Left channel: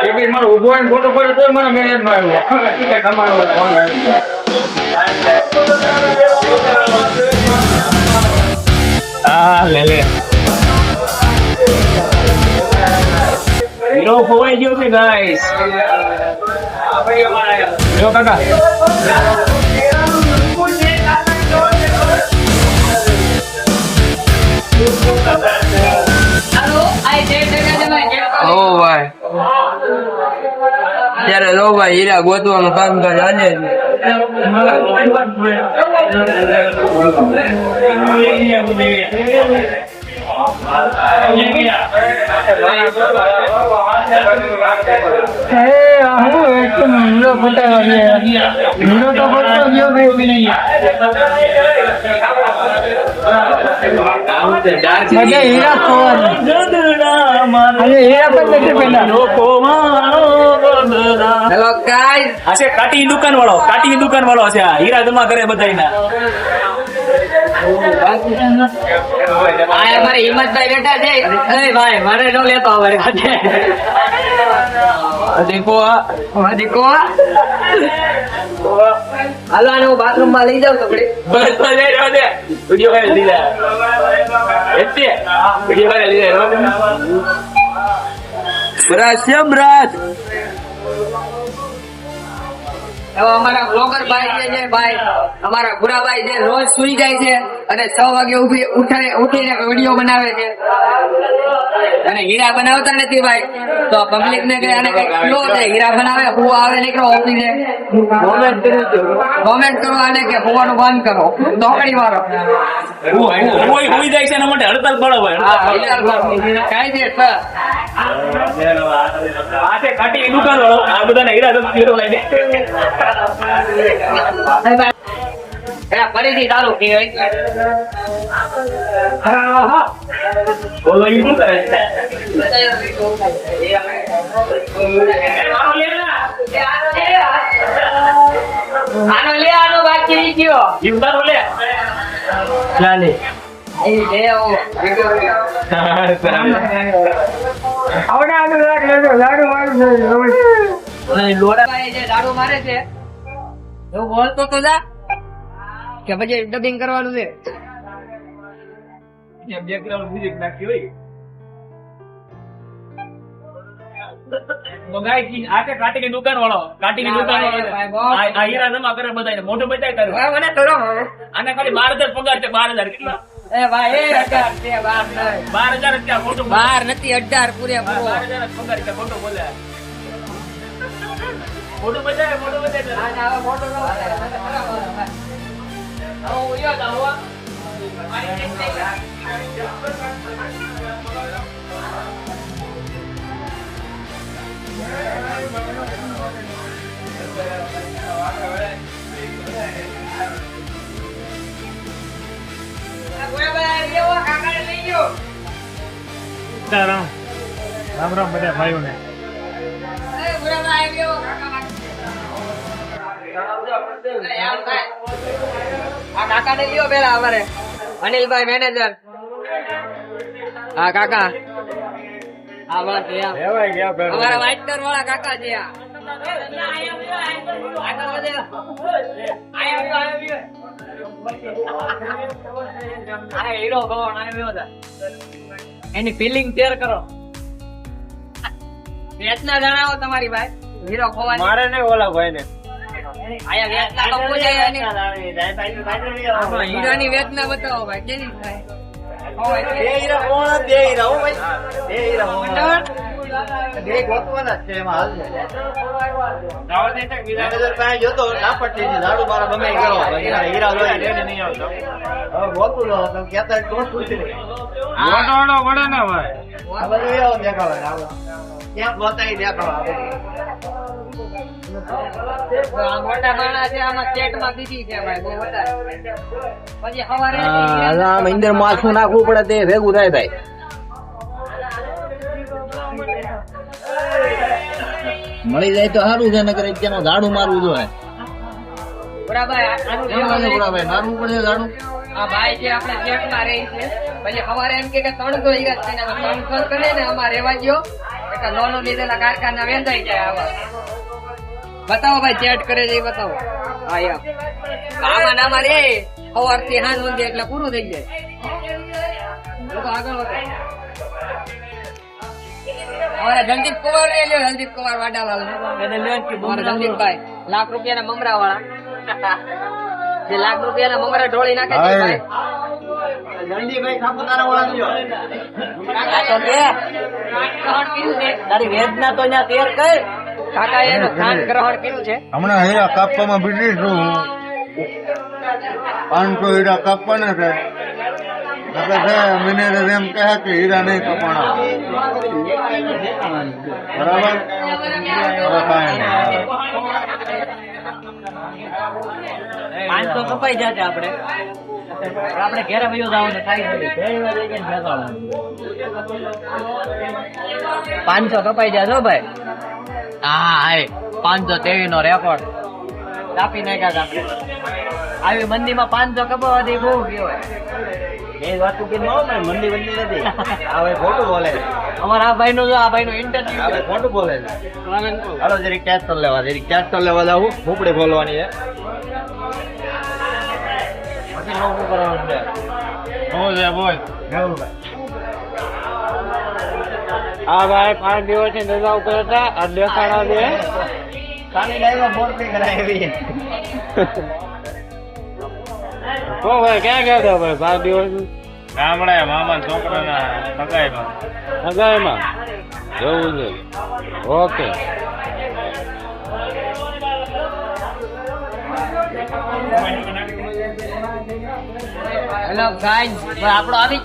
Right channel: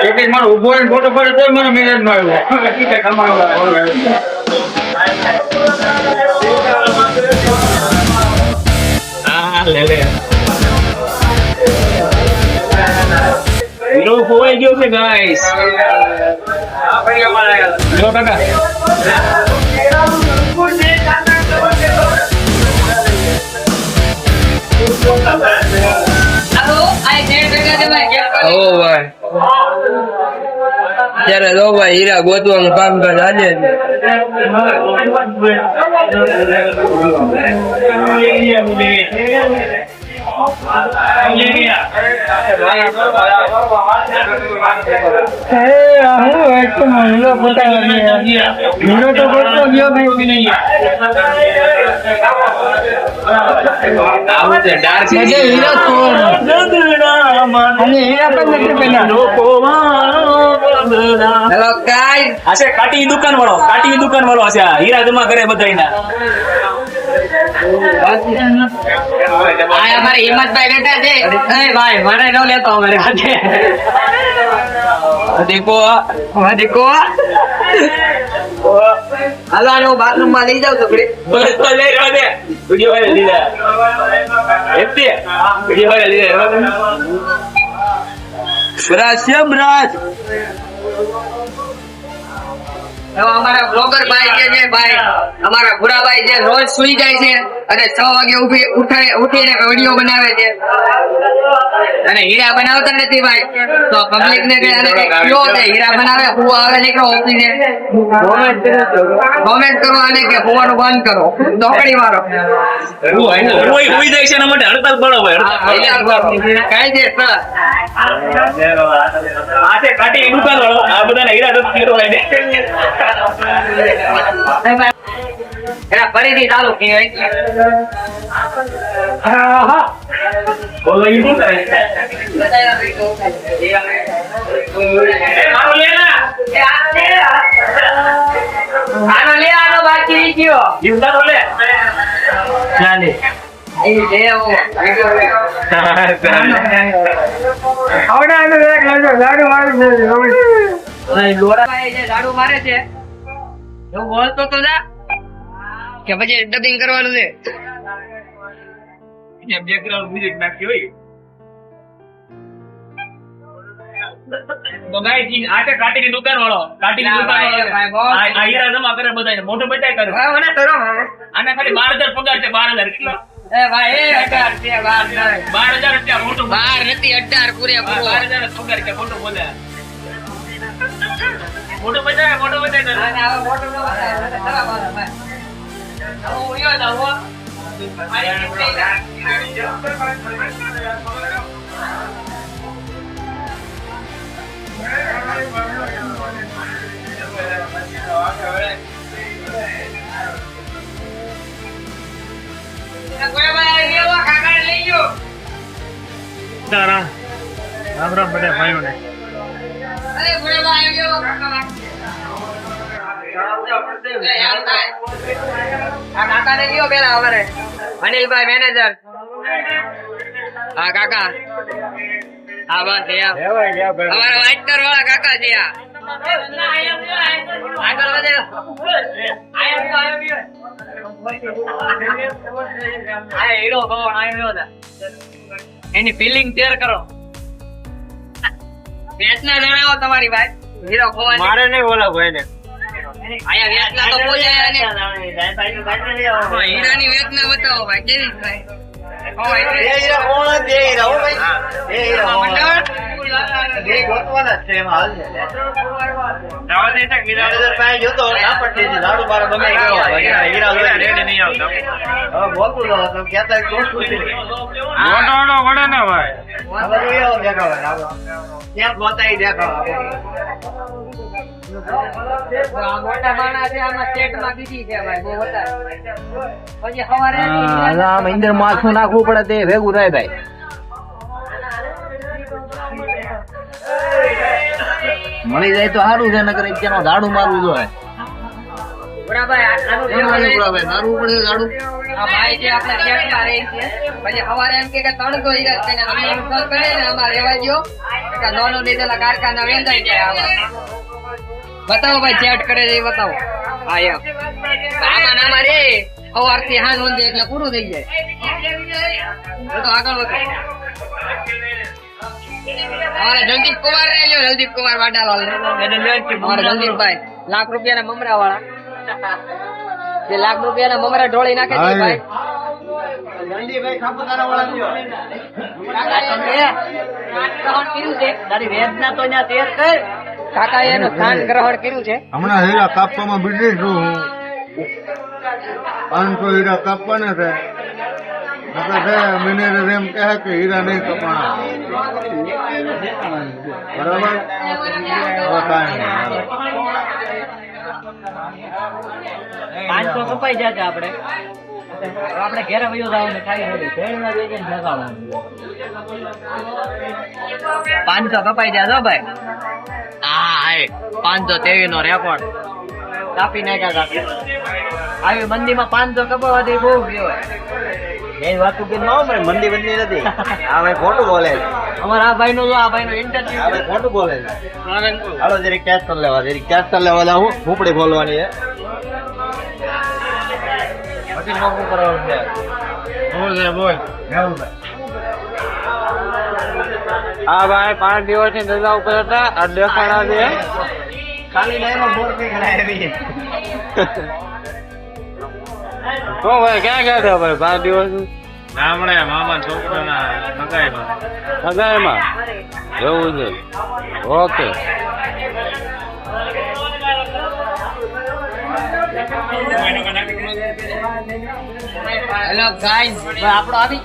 એક મારો ઉભો ફોટો પડે તો મને મેરેજ માં આવ્યો લે લે હીરો ખોવાઈ ગયો છે ગાઈસ જો કાકા ઓ ભાઈ ત્યારે લો ભાઈ હીરા ગોતવાનું કામ કરે આજે કાટી દુકાન વાળો છે હીરા જમા કરે બધા અમારે હિંમતભાઈ બેઠા છે ભાઈ મારે ન લેતો અમારે દેખો હાલો આને હું બાથરૂમ માં લઈ જાઉં છોકરી અમારા બ્લોગર ભાઈ જે છે ભાઈ અમારા ભૂરાભાઈ જે રોજ સુઈ જાય છે અને 6 વાગે ઉઠીને વિડીયો બનાવે છે અને હીરા બનાવતા નથી ભાઈ તો પબ્લિક ને કઈ આને કઈ કયો છે હીરા બનાવે હું આવે નીકળો ઓફિસે કોમેન્ટ કરો આને કે હોવાનું બંધ કરો દોકડી મારો કોઈ હોઈ જાય છે એના માટે હડતાલ પાડો ભાઈ કાઈ છે સર આતે કાટી દુકાન વાળો આ બધાને હીરા તો ફેરવાઈ દે એલા ફરીથી ચાલુ કે બોલો ઈ શું કરે છે આનો બાકી ગયો જીવતા લે ચાલે એ દેવો આવડાનો એક લજો લાડુ મારું છે લોરાભાઈ જે લાડુ મારે છે એવું બોલતો તો જા કે પછી ડબિંગ કરવાનું છે બેકગ્રાઉન્ડ મ્યુઝિક નાખ્યો હોય બગાઈ આટે કાટીની દુકાન વાળો આ હીરા જમા કરે બધાને મોટો બચાઈ કરે મને કરો આને ખાલી 12000 પગાર છે 12000 કેટલા એ ભાઈ 18 છે 12000 રૂપિયા મોટો 12 નથી 18 પૂરે 12000 પગાર છે ખોટું બોલે મોટો બચાય અને આવા મોટો ન થાય મને ખરાબ આવે ભાઈ હું ઉયો જાવ રામ રામ બધા ભાઈઓને કાકા ને ગયો પેલા અમારે અનિલભાઈ મેનેજર હા કાકા હા બસ અમારા વાઇટનર વાળા કાકા છે આગળ વધે હીરો કોણ આવ્યો એની ફિલિંગ શેર કરો વેચના જણાવો તમારી ભાઈ હીરો ખોવાની મારે નહીં ઓલા ભાઈ ને આયા વેચના તો પૂછાય અને હીરાની વેચના બતાવો ભાઈ કેવી ભાઈ મોટા માણસ છે આમાં ચેટમાં બીજી છે ભાઈ બહુ વધારે પછી સવારે અંદર માથું નાખવું પડે તે ભેગું થાય ભાઈ મળી જાય તો સારું છે નકર ત્યાંનો ઝાડુ મારવું જોઈએ આ ભાઈ જે આપણે ચેટમાં રહી છે પછી સવારે એમ કે 300 હીરા છે ને 300 કરે ને આમાં રેવા ગયો લોન લીધેલા કારખાના વેચાઈ જાય આવા. બતાવો ભાઈ ચેટ કરે છે એ બતાવો. હા એમ આમાં આમાં રે સવારથી હાંજ સુધી એટલે પૂરું થઈ જાય. તો આગળ વધો. અમારા જગદીપ કુમાર ને લ્યો, જગદીપ કુમાર વાડાલાલ અમારા જગદીપભાઈ લાખ રૂપિયાના મમરા વાળા જે લાખ રૂપિયાના મમરા ઢોળી નાખે છે ભાઈ. તારી વેદના તો અહીંયા તેર કર. કાકા એનું સ્થાન ગ્રહણ કર્યું છે. હમણાં હીરા કાપવામાં બીજી છું 500 હીરા કાપવાના છે. મિનેરે એમ કહે કે હીરા નહીં કપાણા. બરાબર હવે કાંઈ નહીં. 500 કપાઈ જશે આપણે ઘેરે વયો જવાનું થાય નથી. શેરીમાં જઈને લગાવવાનું 500 કપાઈ જશે ભાઈ. હા હાય 523 નો રેકોર્ડ કાપી નાખ્યા કાપી. આવી મંદીમાં 500 કપાવવાથી બહુ ગયો. એ વાત કે ન હોય મંદી બંદી નથી. આ ભાઈ ખોટું બોલે છે. અમારા આ ભાઈ નો જો આ ભાઈ નો ઇન્ટરવ્યુ આ ભાઈ ખોટું બોલે છે. હાલો જરી કેશ કરી લેવા જાવ. ફૂપડી બોલવાની છે. પછી નોકરી કરવાનું છે. બોલ હા ભાઈ 5 દિવસની રજા ઉપર હતા. આ દેખાડા દે ખાલી લાઈનમાં બોર નહીં કરાવી. ઓ ભાઈ ક્યાં ગયા હતા ભાઈ 5 દિવસ ગામડે મામા છોકરાના સગાઈમાં. સગાઈમાં એવું છે. ઓકે હેલો ગાઈઝ આપણો આવી